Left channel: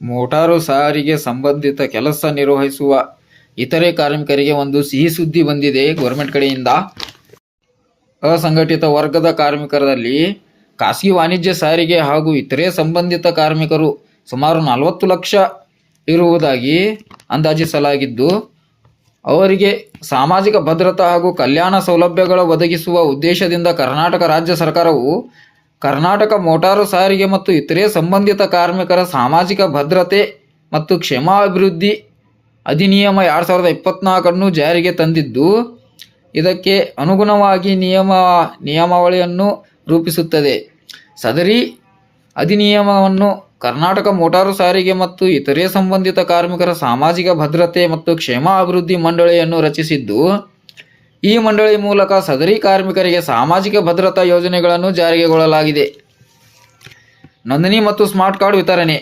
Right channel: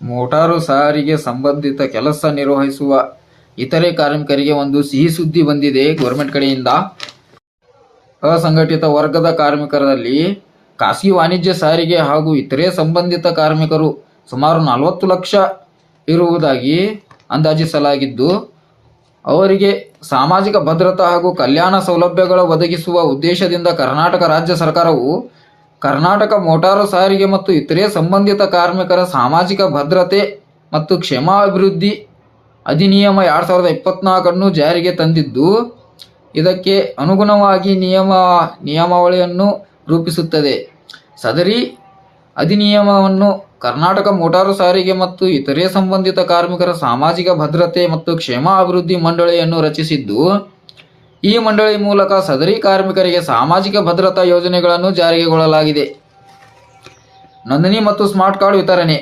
Motor ಸಾರಿಗೆ ಸಂಬಂಧಿತ ಕೆಲಸ ನಿರ್ವಹಿಸುವ ಇತರೆ ಕಾರ್ಮಿಕರಿಗೆ ಒಂದು ಸಿಹಿ ಸುದ್ದಿ ಬಂದಿದೆ ಗೌರ್ಮೆಂಟ್ ಕಡೆಯಿಂದ. ಅಸಂಘಟಿತ ವರ್ಗದ ಕಾರ್ಮಿಕರಲ್ಲಿ ಖಾಸಗಿ ವಾಣಿಜ್ಯ ಸಾರಿಗೆ ಹಾಗೂ ಇತರೆ ಸಂಬಂಧಿತ ಕಾರ್ಮಿಕರು ಸುಮಾರು ನಲವತ್ತು ಲಕ್ಷ ಇರುವುದಾಗಿ ಅಂದಾಜಿಸಲಾಗಿದ್ದು, ಅವರಿಗೆ ಸಾಮಾಜಿಕ ಭದ್ರತಾ ಹಾಗೂ ಕಲ್ಯಾಣ ಸೌಲಭ್ಯಗಳ ಒದಗಿಸುವ ಉದ್ದೇಶದಿಂದ ಕರ್ನಾಟಕ ರಾಜ್ಯ ಸರ್ಕಾರವು ಕರ್ನಾಟಕ ಮೋಟಾರು ಸಾರಿಗೆ ಮತ್ತು ಇತರೆ ಸಂಬಂಧಿತ ಕಾರ್ಮಿಕರ ಸಾಮಾಜಿಕ ಭದ್ರತೆ ಮತ್ತು ಕ್ಷೇಮಾಭಿವೃದ್ಧಿ ಅಧಿನಿಯಮ ಎರಡು ಸಾವಿರದ ಇಪ್ಪತ್ನಾಲ್ಕನ್ನು ಜಾರಿಗೆ ತಂದಿದ್ದು, ಇದಕ್ಕೆ ಅನುಗುಣವಾಗಿ ನಿಯಮ, ನಿಯಮಾವಳಿಯನ್ನು ರೂಪಿಸುತ್ತದೆ. ಸದರಿ ಅಧಿನಿಯಮವನ್ನು ಕರ್ನಾಟಕ ಮೋಟಾರು ಸಾರಿಗೆ ಮತ್ತು ಇತರೆ ಸಂಬಂಧಿತ ಕಾರ್ಮಿಕರ ಸಾಮಾಜಿಕ ಭದ್ರತೆ ಮತ್ತು ಕ್ಷೇಮಾಭಿವೃದ್ಧಿ ಮಂಡಳಿಯನ್ನು ರಚಿಸಿದ್ದು ಈ ಮಂಡಳಿ ಮೂಲಕ ಸದರಿ ಕಾರ್ಮಿಕರಿಗೆ ಸಾಮಾಜಿಕ ಭದ್ರತಾ ಯೋಜನೆಗಳನ್ನು ಜಾರಿಗೆಗೊಳ್ಳಲಾಗಿದೆ ನೋಂದಣಿ ಮತ್ತು ಸ್ಮಾರ್ಟ್ ಕಾರ್ಡ್ ವಿತರಣೆ.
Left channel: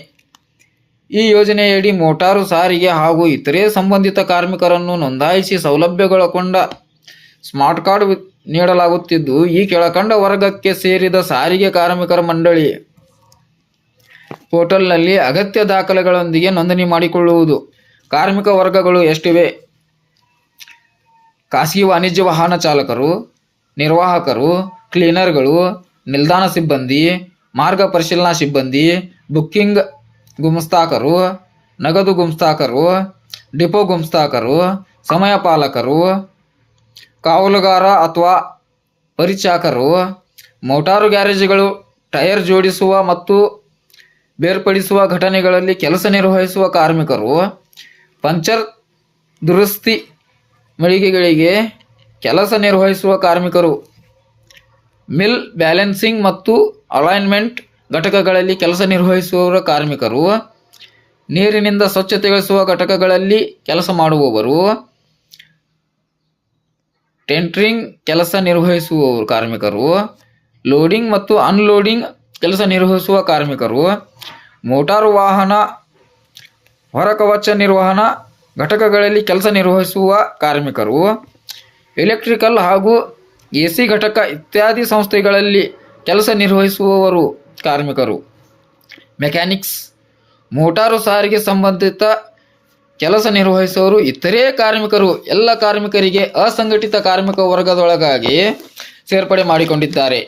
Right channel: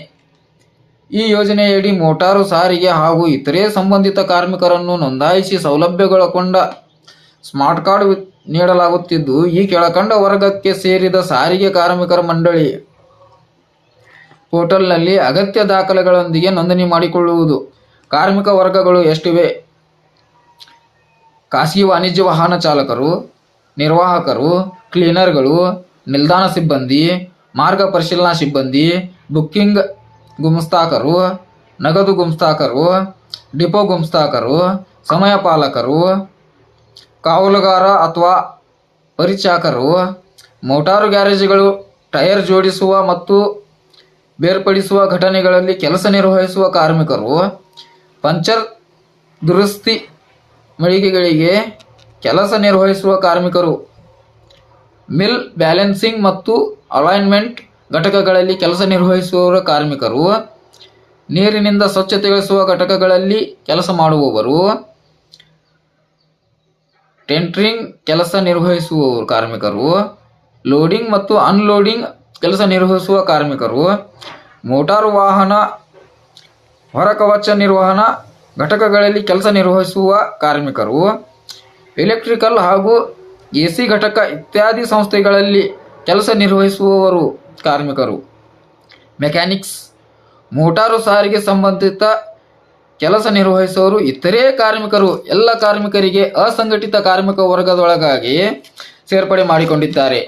ಈ ಯೋಜನೆಯಡಿ ಮೋಟಾರು ಸಾರಿಗೆ ಹಾಗೂ ಇತರೆ ಸಂಬಂಧಿತ ಕಾರ್ಮಿಕರನ್ನು ನೋಂದಾಯಿಸಿ ಸೌಲಭ್ಯಗೊಳಗೊಂಡ ಸ್ಮಾರ್ಟ್ ಕಾರ್ಡ್ ನೀಡಲಾಗುತ್ತಿದ್ದು, ಈ ಕೆಳಕಂಡ ವರ್ಗಕ್ಕೆ ಸೇರಿದ ಸಾರಿಗೆ ಕಾರ್ಮಿಕರ ಮಂಡಳಿ ಪೋರ್ಟಲ್ನಲ್ಲಿ ಅಗತ್ಯ ದಾಖಲೆಗಳೊಂದಿಗೆ ನೋಂದಣಿ ಮಾಡಿಕೊಳ್ಳುವುದು. ಕಾರ್ಮಿಕ ವರ್ಗಗಳು ಎಷ್ಟಿವೆ? ಖಾಸಗಿ ವಾಣಿಜ್ಯ ವಾಹನ ಚಾಲಕರು, ನಿರ್ವಾಹಕರು, ಕ್ಲೀನರ್ಗಳು, ನಿಲ್ದಾಣ ಸಿಬ್ಬಂದಿ, ಮಾರ್ಗ ಪರಿಶೀಲನಾ ಸಿಬ್ಬಂದಿ, ಬುಕ್ಕಿಂಗ್ ಗುಮಸ್ತಾಕರು ನಗದು ಗುಮಸ್ತಾಕರು ಡಿಪೋ ಗುಮಸ್ತಾಕರು ಸಮಯ ಪಾಲಕರು, ಕಾವಲುಗಾರ ಅಥವಾ ಪರಿಚಾಕರು, ಮೋಟಾರು ಗ್ಯಾರೇಜ್ಗಳು, ಟೈರ್ ಜೋಡಿಸುವ ಮತ್ತು ಬೇರ್ಪಡಿಸುವ ಘಟನೆಗಳಲ್ಲಿ ಕೆಲಸ ನಿರ್ವಹಿಸುವ ಕಾರ್ಮಿಕರು, ಪಂಚರ್ ದುರಸ್ತಿ ಮಳಿಗೆಗಳಿಗೆ ಕೆಲಸ ನಿರ್ವಹಿಸುವ ಕಾರ್ಮಿಕರು. ಮಿಲ್ ಬ್ಯಾಲೆನ್ಸಿಂಗ್ ಮತ್ತು ಅಲೈನ್ಮೆಂಟ್ ಘಟಕಗಳಲ್ಲಿ ಕೆಲಸ ನಿರ್ವಹಿಸುವ ಕಾರ್ಮಿಕರು. ನೀರಿನಿಂದ ಸ್ವಚ್ಛತೆಗೊಳಿಸುವ ಘಟಕಗಳಲ್ಲಿ ಕೆಲಸ ಮಾಡುವವರು. ಟೆಂಟ್ರಿಂಗ್ ಕೆಲಸ ನಿರ್ವಹಿಸುವ ಕಾರ್ಮಿಕರು. ಲೋಡಿಂಗ್ ಮತ್ತು ಅನ್ಲೋಡಿಂಗ್ ಕೆಲಸ ನಿರ್ವಹಿಸುವ ಕಾರ್ಮಿಕರು. ಮೋಟಾರು ವಾಹನ ಹೊರಕವಚ ನಿರ್ವಹಣಾ ಘಟಕಗಳಲ್ಲಿ ಕೆಲಸ ನಿರ್ವಹಿಸುವ ಕಾರ್ಮಿಕರು ಎಲೆಕ್ಟ್ರಿಕಲ್ ಹಾಗೂ ಎ ಸಿ ಘಟಕ ಇತ್ಯಾದಿ ಸಂಸ್ಥೆಗಳಲ್ಲಿ ಕೆಲಸ ನಿರ್ವಹಿಸುವವರು ಕಾರ್ಮಿಕರು. ಮೆಕ್ಯಾನಿಕ್ಸ್ ಮೋಟಾರು ಸಾರಿಗೆ ಸಂಬಂಧಿತ ಕೆಲಸ ನಿರ್ವಹಿಸುವವರು ಇತರೆ ಕಾರ್ಮಿಕರು, ಎಲ್ಲ ಕಾರ್ಮಿಕರಿಗೆ ಅಸಂಘಟಿತ ಕಾರ್ಮಿಕ ವರ್ಗದೊಳಗಾಗಿ ಸೇರ್ಪಡೆ ಮಾಡಿಕೊಂಡಿದ್ದಾರೆ.